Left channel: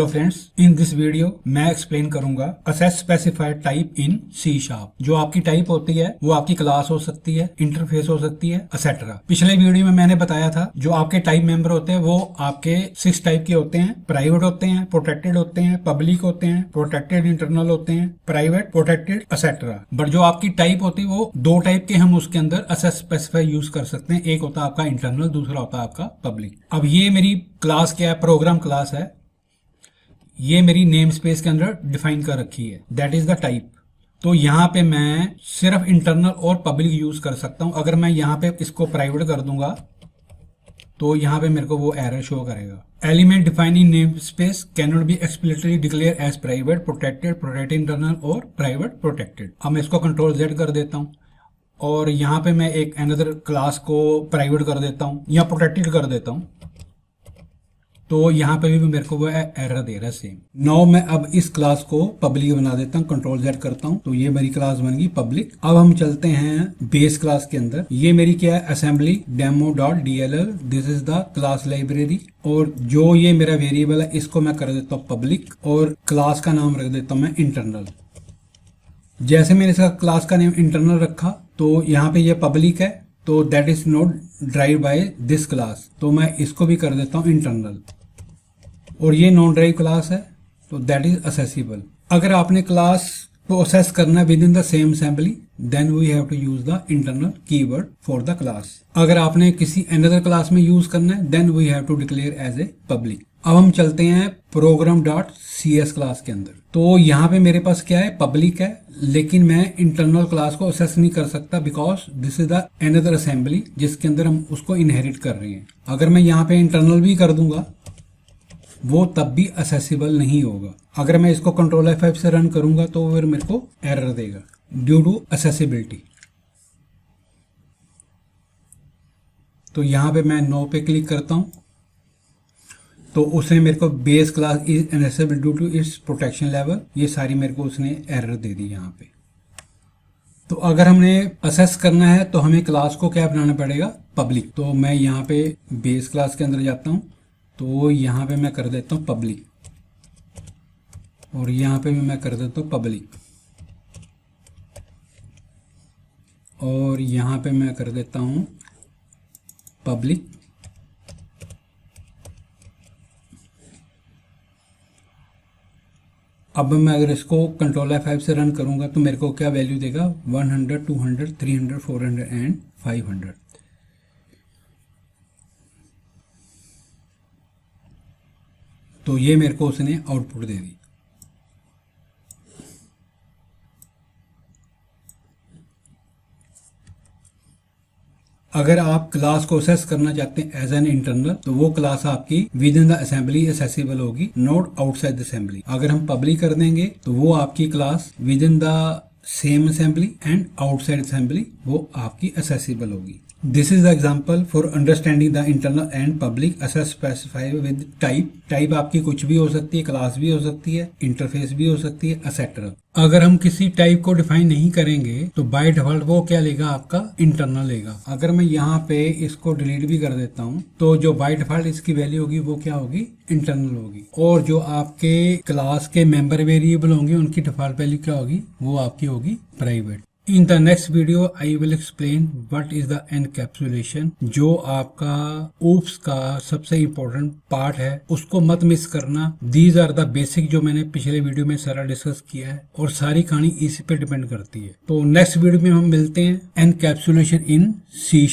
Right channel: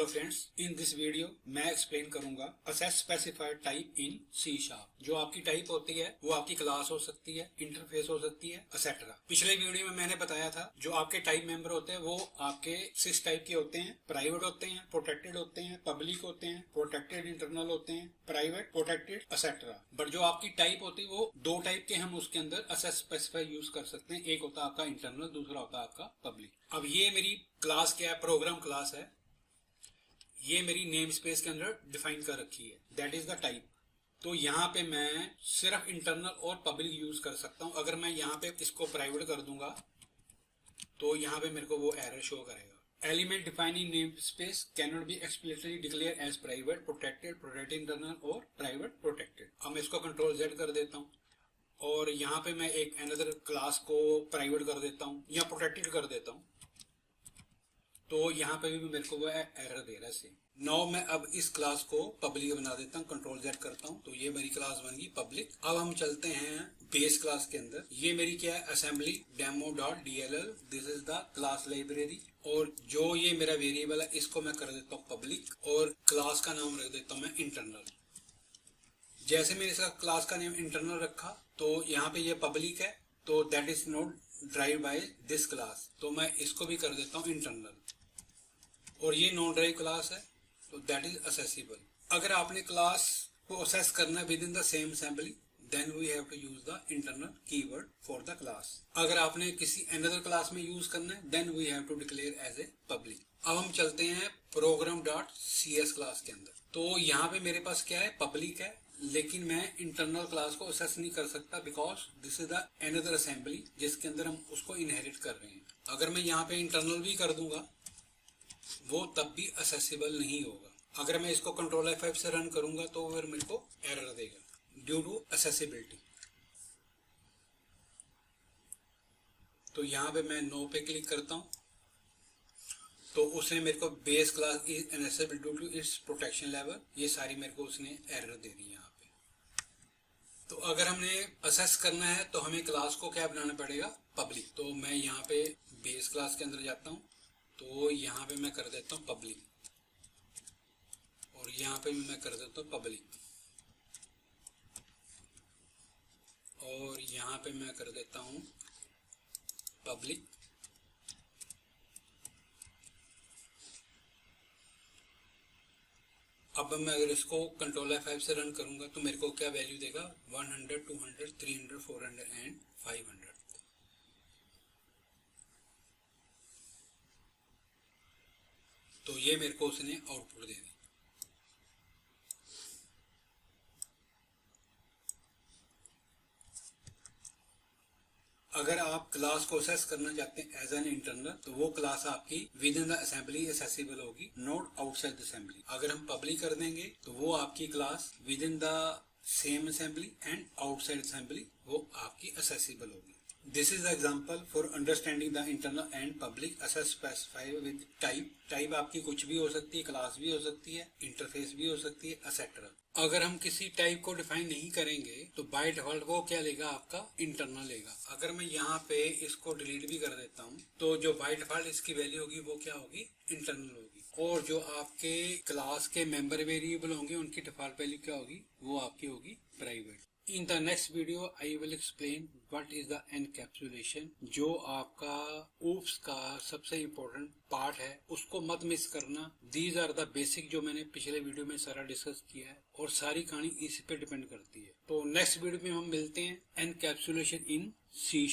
Hello friends, in this video मैं explain करूंगा access specified type in C sharp. जो आपकी टाइप होती है वो आपकी क्लास हो सकती है, इंटरफेस हो सकती है, एक्सेट्रा। पिछले वीडियो में मैंने बताया था जो आपके टाइप मेंबर होते हैं वो आपके 6 टाइप के होते हैं। प्राइवेट होते हैं, प्रोटेक्टेड होते हैं, पब्लिक होते हैं, प्रोटेक्टेड इंटरनल होते हैं, प्राइवेट, प्रोटेक्टेड, एक्सेट्रा। बट जो आपकी टाइप होती है वो 2 टाइप के हम उसके अंदर असेस स्पेसिफाई यूज कर सकते हैं। एक होता है आपका इंटरनल, दूसरा होता है आपका पब्लिक। अब ये मेरी क्लास क्या है? प्रोग्राम क्लास है। ये मेरी नेम स्पेस के अंदर डिफाइन कर रखी है, दैट इज द टाइप। तो यहाँ पे मैं सिर्फ इंटरनल और पब्लिक यूज कर सकता हूं। अगर मैं यहाँ पे इसको प्राइवेट कर दूंगा तो यहाँ पे मेरे को वो एरर शो करेगा। Element defined in namespace cannot be explicitly declared as private, protected, protected internal और प्राइवेट प्रोटेक्टेड। अब मैं इसको कंट्रोल जेड कर देता हूँ और यहाँ पे मैं एक अनदर क्लास को प्राइवेट कर देता हूँ या प्रोटेक्टेड कर देता हूँ, तो यहाँ पे भी मेरे को वो एरर दे रहा है सेम। नाउ मैं अब इस क्लास को पब्लिक बना देता हूँ, कंट्रोल जेड करता हूँ तो ये मेरी क्लास बन गई पब्लिक। अब हम चलते हैं बेस क्लास के अंदर। ये मेरी क्या है? Assembly demo dot DLL। This is the class library. और जो ये मेरा वेरिएबल है इसको मैं कर देता हूँ पब्लिक और क्लास का नाम रख देता हूँ मैं इंटरनल। जैसे मैंने इसका क्लास का नेम इंटरनल रखा तो यहाँ पे ये पब्लिक है, तो that is not drive by this class, तो मैं इसको भी कर देता हूँ इंटरनल। और ये नॉन ड्राइव क्लास है तो दैट इज असेसिबल। अगर आपने क्लास को असेस करना within the same assembly then we have to use the internal keyword for the class. अगर आपने किसी अनदर क्लास में यूज करना है then we have to declare as a public. अब हम चलते हैं प्रोग्राम डॉट CS क्लास के अंदर। तो यहाँ पे मेरे पास क्या है? पब्लिक है, लेकिन मैं इंटरनल क्लास को असेस नहीं कर सकता because this is the another assembly जिसके अंदर हम उसको इनहेरिट कर रहे हैं। अगर मैं यहाँ पे इंटरनल भी कर दूंगा वो तब भी असेसिबल नहीं होगा। अगर मैं इसको कंट्रोल F5 से रन करूंगा तो फिर मेरे को एरर देगा ड्यू टू असेसिबिलिटी। तो यहाँ पे मैं नो पे क्लिक करता हूं तो उसने मेरे को base class is inaccessible due to its protection level, ये सारी मेरे को उसने एरर दे दी यहाँ पे। तो अगर हमने असेस करना है तो हमें क्लास को क्या बनाना पड़ेगा? पब्लिक। तो मैं यहाँ पे बेस क्लास के अंदर जाता हूँ तो यहाँ पे मैं कर देता हूँ पब्लिक और यहाँ पे भी मैं कर देता हूँ पब्लिक और यहाँ पे मैं कर देता हूँ पब्लिक। अब मैं अगर इसको कंट्रोल F5 से रन करूंगा तो मेरे को क्या वैल्यू देगा? 100, 200, 300, 400 एंड 500। तो ये मेरे को उसने आउटपुट दे दी। अगर आप क्लास को असेस करना चाहते हैं एज एन इंटरनल तो वो क्लास आपकी with in the assembly accessible होगी, नॉट आउटसाइड द असेंबली। अगर हम पब्लिक कर देंगे तो वो आपकी class with in the same assembly and outside assembly वो आपकी असेसिबल होगी। This is the example for understanding the internal and public assess specify with type. Type आपकी कुछ भी हो सकती है, क्लास भी हो सकती है, इंटरफेस भी हो सकती है, एक्सेट्रा। अगर हम किसी टाइप को डिफाइन नहीं करेंगे तो बाय डिफॉल्ट वो क्या लेगा? आपका इंटरनल लेगा। अगर मैं यहाँ पे इसको डिलीट भी कर देता हूँ तो जो बाय डिफॉल्ट इसकी वैल्यू होगी वो क्या होगी? इंटरनल होगी। और जो आपके क्लास के मेंबर वेरिएबल होंगे उनकी डिफॉल्ट वैल्यू क्या होगी? वो आपकी होगी private. In the next video, I will explain what is the encapsulation। जो आपका OOPS का सबसे इम्पोर्टेंट पार्ट है उसको मत मिस करना। These are the basic जो मैंने पिछले वीडियो में सारा डिस्कस किया है और सारी कहानी इसी पे डिपेंड करती है। तो नेक्स्ट वीडियो में हम मिलते हैं एनकैप्सुलेशन इन C#।